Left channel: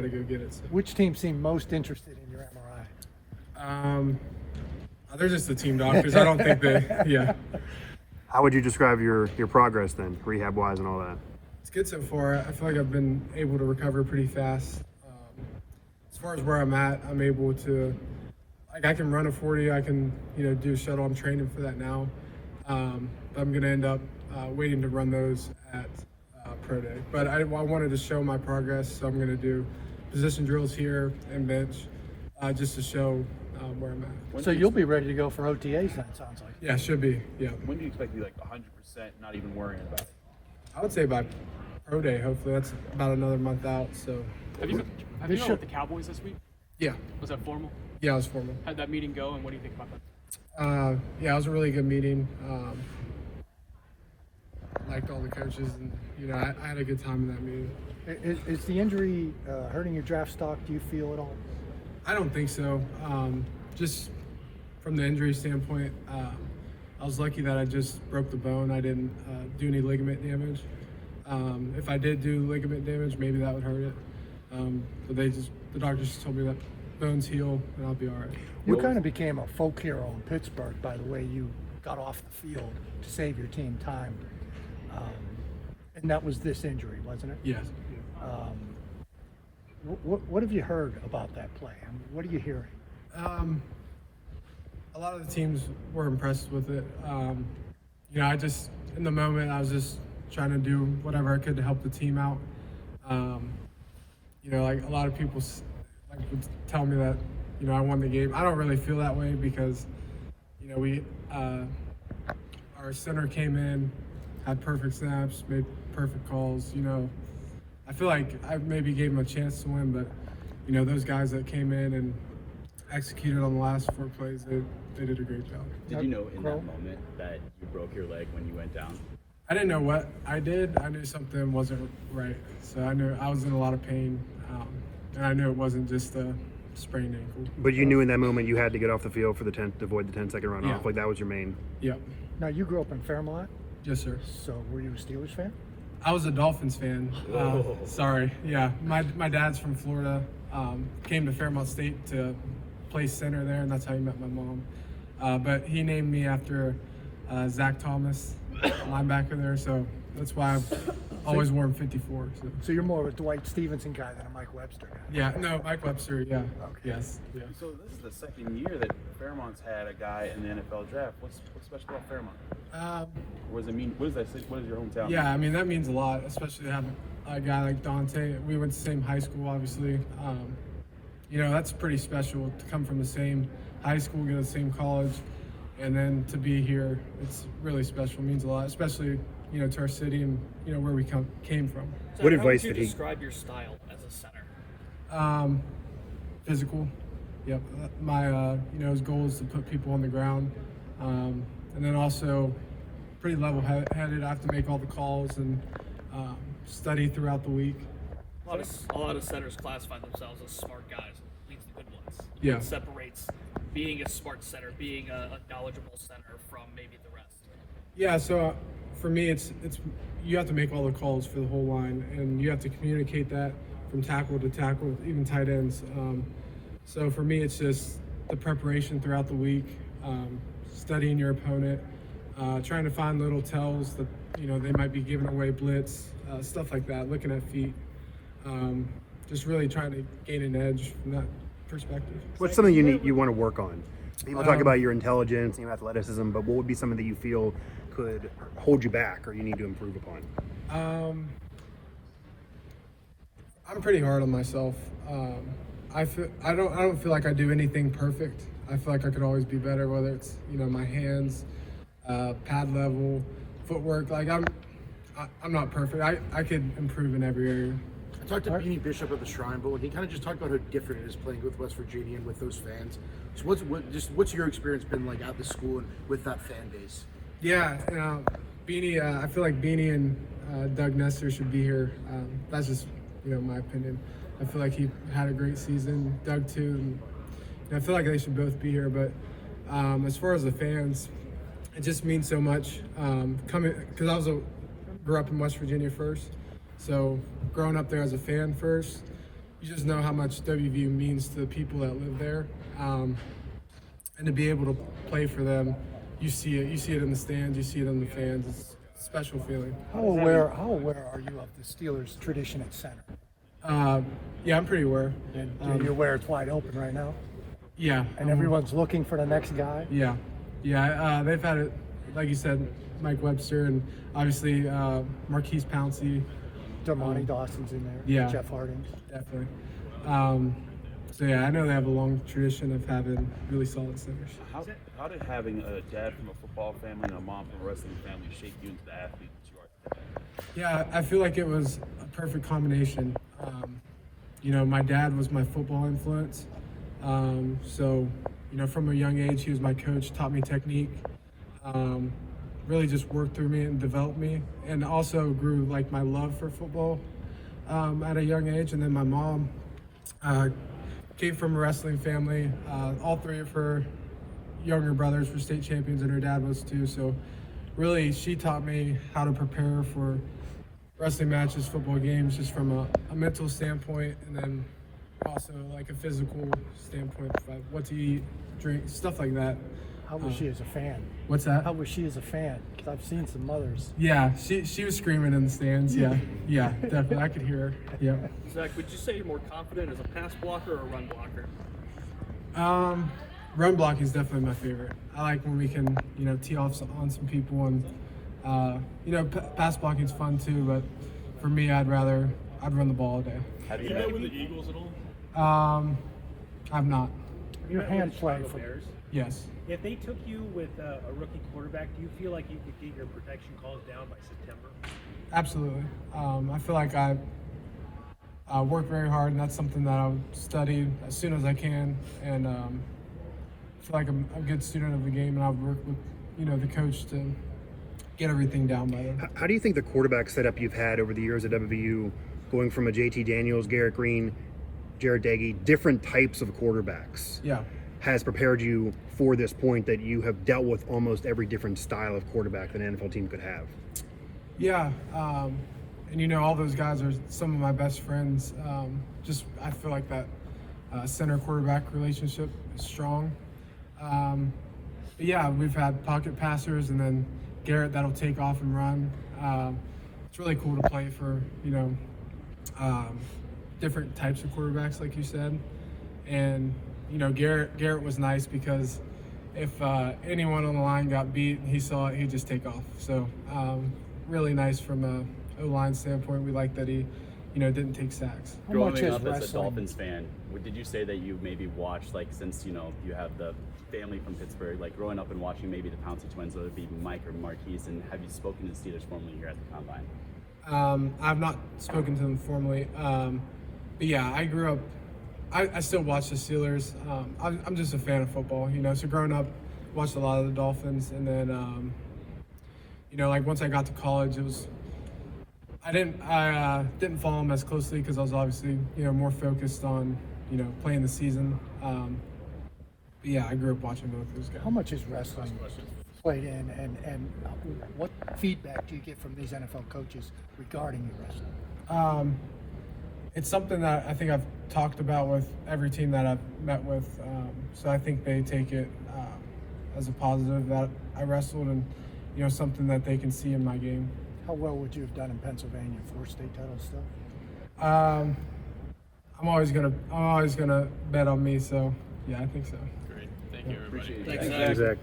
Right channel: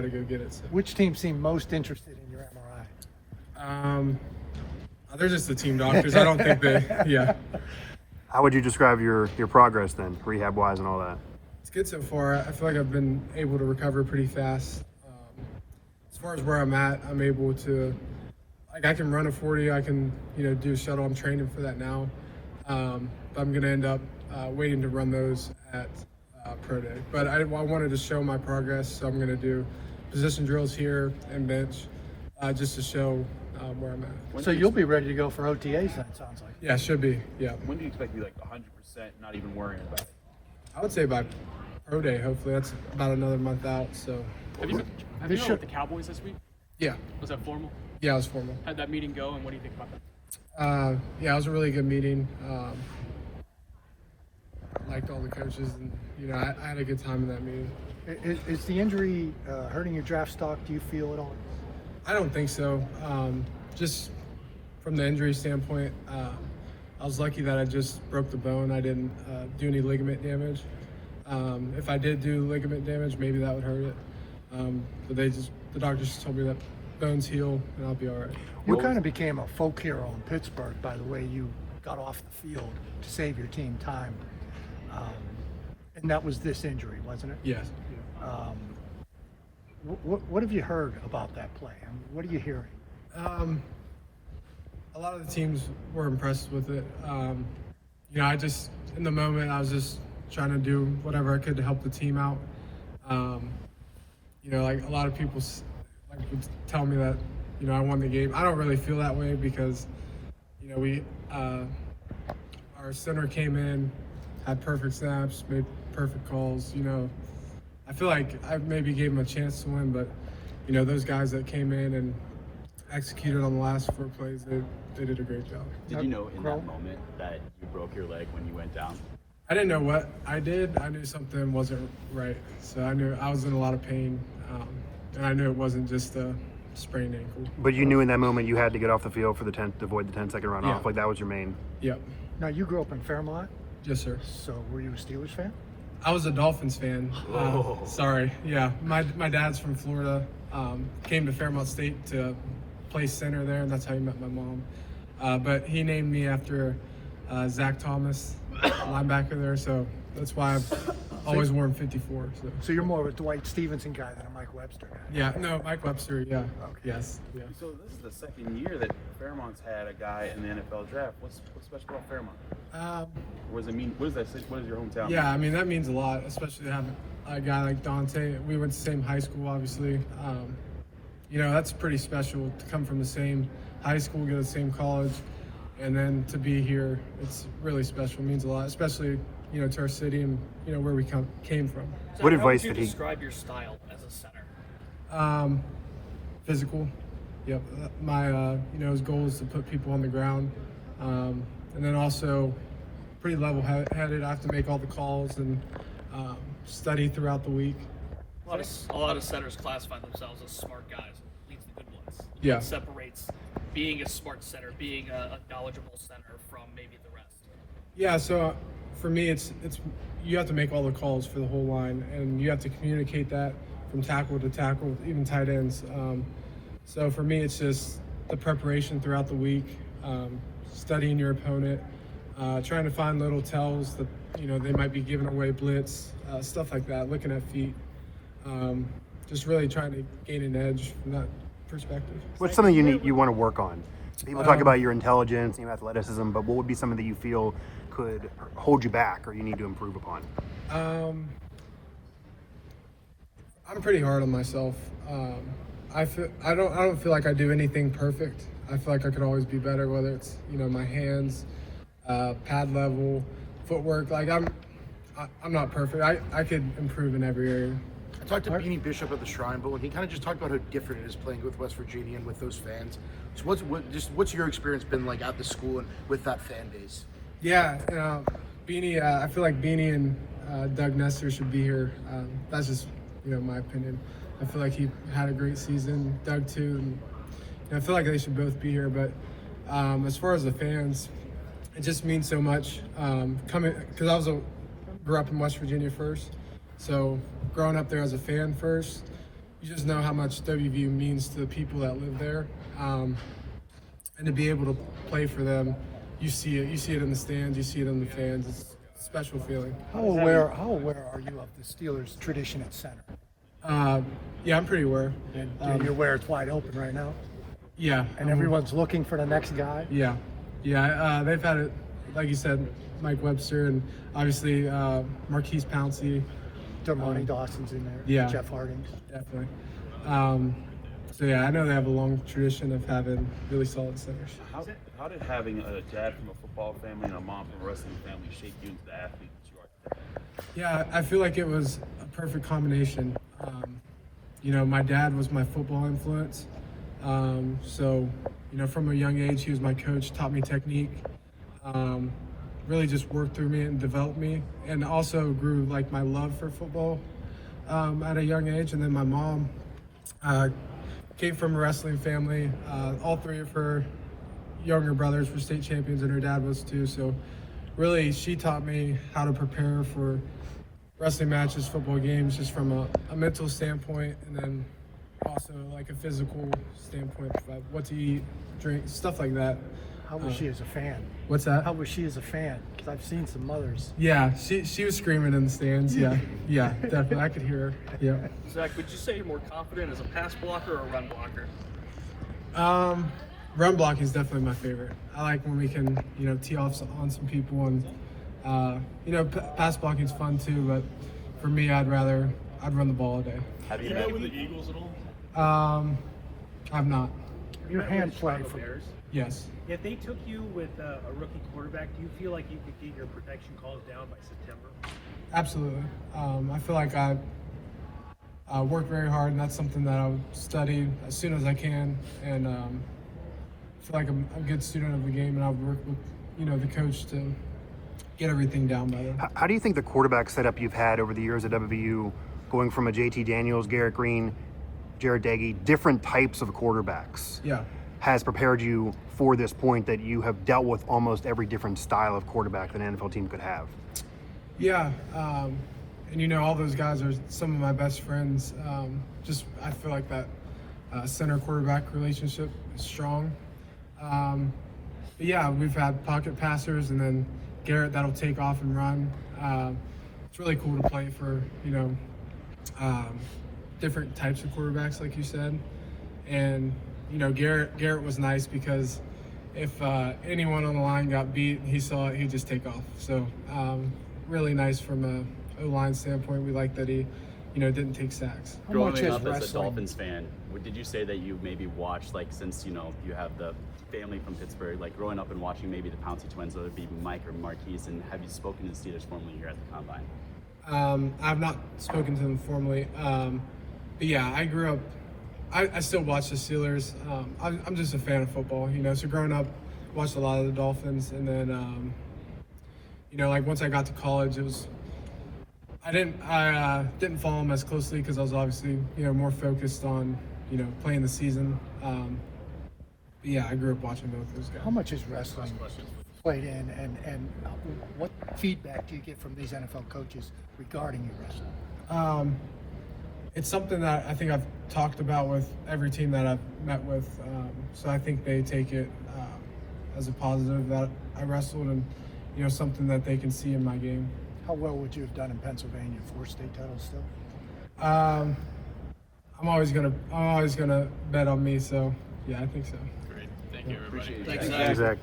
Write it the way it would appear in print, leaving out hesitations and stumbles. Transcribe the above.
got to go get it. So. Which team seemed most interested in your MRI? They're just the team doctors. I don't think they. Yeah. How would you describe your progress then, rehab-wise and all that? It's good so far. I feel like I've been able to recover pretty fast. As far as where I'm at, I'm able to, like, I can run a 40. I can, do shuttle. I'm training for that now. I'm going to end up waiting to run those at Pro Day. But I wanted to show my progress, so I'm going to do position drills here and bench just to show where I'm at. So you'll be ready to go for OTAs then, it sounds like. Yeah, should be. Yeah. When do you expect to be like 100%, not even worrying about it? I would say about Pro Day. Hopefully, that's about another month out. So. Have you met with the Cowboys this week? Yeah. Was that formal? Yeah, it was formal. How'd that meeting go, and what do you think about that? Yeah, it was a really good meeting. Liked all the coaches, and I had a good time in that meeting. Is the injury hurting your draft stock? Do you feel it? I don't think so. Just from the injury standpoint, I was lucky that I just broke the bone. I didn't do any ligament damage. If I did do ligament damage, maybe that would hurt it. But the doctors just told me that bones heal and I'll be all right. You kind of became a folk hero in Pittsburgh by the way you got off the field to save your team time. And that was this injury, wasn't it? Yes. What have you heard about that play? I mean, what are you hearing? A lot of the teams were impressed with it. I just, in the moment, I was just trying to do whatever I could to help the team out. Like a lot of people would tell me that, I won the game. I don't really feel that way because, our center came in, had perfect snaps, made perfect calls. I feel like I maybe gave him a chance to win, but those guys that came in and executed on the last 4 plays, they did a great job. Did you know in that moment that you broke your leg when you went down? I didn't know what I did. I knew something wasn't right, so I knew I was in a lot of pain, and I knew it wasn't just a sprained ankle. But you knew in that moment you had to get off the field for to avoid the 10-second runoff. Like that was your main. Yeah. Now you grew up in Fairmont? Yes, sir. So were you a Steelers fan? I was a Dolphins fan. Sorry. Yeah, my dad's from Florida. Came to Fairmont State to play center there, and that's how he met my mom. But he named me after Zach Thomas, linebacker there, so that's why I've always worn 54. So you're more of a Dwight Stevenson guy than a Mike Webster guy. Yeah, no, Mike Webster, yeah. Yes. Yeah. So this is the second year that Fairmont's had a guy in the NFL draft. What's special about Fairmont? What does it mean? What does that say? What is your hometown? Yeah, I mean, that means a lot, especially to have a guy like Dante. We went to the same high school, obviously. That's pretty special to come from the same high school, go to the same college, and then to be here. It's really special. It means a lot, especially, to our city and, where we came from. So What how advice would you did he- describe your style as a center? Physical. Yep. My, his goal is to put people on the ground. And then also pretty level-headed. I have to make all the calls and study throughout the week. A lot of centers classify themselves as smart guys. He's the good ones. Yeah. What separates being a smart center, being a knowledgeable center from maybe the rest? Yeah, so for me, it's you have to make all the calls for the whole line, and you have to communicate that from tackle to tackle, even tight ends. So for me, it's just the preparation throughout the week, studying your opponent, trying to find little tells that they might be giving away blitz, stuff like that, looking at feet. Just really trying to gain an edge from that perspective. What's something you want to work on? People talk about your intelligence and your athleticism, but what would be something that you feel could hold you back or you need to improve upon? I'm pretty hard on myself. I don't feel like I do anything perfect. I feel like I could always be better, whether it's my hands, pad level, footwork. Like I'm not perfect. I could improve in every area. I talked to Beanie Bishop at the Shrine Bowl, and he kind of just talked about how different it is playing with West Virginia and with those fans. So what's your experience been like at the school and with that fan base? Yeah, Beanie. I feel like Beanie and Doug Nestor should be here. That's just my opinion. I feel like he had a great season. Doug too. And, I feel like they should both be here. But as far as the fans, it just means so much. Coming because grew up in West Virginia first, so growing up there as a fan first, you just know how much WVU means to the people that live there, and to be able to play for them, you see it. You see it in the stands. You see it in the fans. It's a special feeling. How aware are you of the Steelers' tradition at center? Yeah, I'm pretty aware. And you're aware it's wide open right now? Yeah, And everyone's looking for the next guy? Yeah. They've had it, like you said, Mike Webster, and obviously Marquise Pouncey. Damani Dawson's in there. Yeah. Jeff Harding. Definitely. So yeah, I know they have a long tradition of having really solid centers. How did having a dad from a football family and a mom from a wrestling family shape you into the athlete that you are today? Yeah, I feel like it was a perfect combination. My dad was my football influence. So, from a young age, he was my coach, taught me technique, really just worked through me and developed me, and also grew like my love for football at a young age. And then my mom came from a wrestling family. All three of her younger brothers were state champions, and her dad was too. So really, she taught me how to prepare for wrestling matches, football games, just from a mental standpoint, and then also like a physical standpoint, like what to eat, drink, stuff like that. How was she as a fan? What's that? How was she as a fan? Because I've seen some mothers. Yeah, she was screaming in the stands. Yeah, definitely. I could hear her. Yeah. Zach, would you say you're more confident as a pass blocker or a run blocker? Run block is definitely my favorite. I like when we can, tee off on some people, and pass blocking is fun too. But for me, I'd run the ball all day. Have you met with the Eagles at all? I've not. Your hands playing for Bears. Yes. If they took you with a rookie quarterback, do you feel like you could get your protection calls down by September? Absolutely. I feel like I work very hard, and that's something that I would study as soon as I can. And I feel like I'm a good student of the game, and I'll work with the coach to get everything down by then. How do you think the quarterback setup you've had over the years at WVU, going from a JT Daniels, Garrett Green, Jared Daggy, different types of quarterbacks, Yeah. has prepared you for this point that you have dealt with almost every different style of quarterback that an NFL team could have? Yeah, and all those guys are some of my best friends. I feel like that center quarterback relationship is strong. Yeah, we've had pocket passers, and then Garrett that'll take off and run. It's really cool to play for different types of quarterbacks, like you said. And Garrett was nice because if anyone on the line got beat and he saw it, he'd just take off. So really nice from a O-line standpoint. We like that he didn't take sacks. Growing Growing up as a wrestling? Dolphins fan, did you say that you maybe watched, like, since you have the family from Pittsburgh, like growing up and watching maybe the Pouncey twins, whether it be Mike or Marquise, and have you spoken to the Steelers formally here at the combine? I've not spoken to them formally, but yeah, I grew up. I still watch the Steelers. I'm just a fan of football, So growing up, watched a lot of the Dolphins, and then like once I got to college, I didn't follow them as closely because I was obviously more focused on playing the season. But yeah, I grew up watching both those guys. How much is wrestling played in, and what feedback do you get from these NFL coaches regarding your wrestling? It's something that I think I've talked about with every team that I've met with. So I think they take it as a positive that I wrestled, and something that they can see in my game. How well would you have done in Pennsylvania for state title still? I'm always gonna bet on me. So yeah, I think so. Thank you, everybody. Thanks, Zach.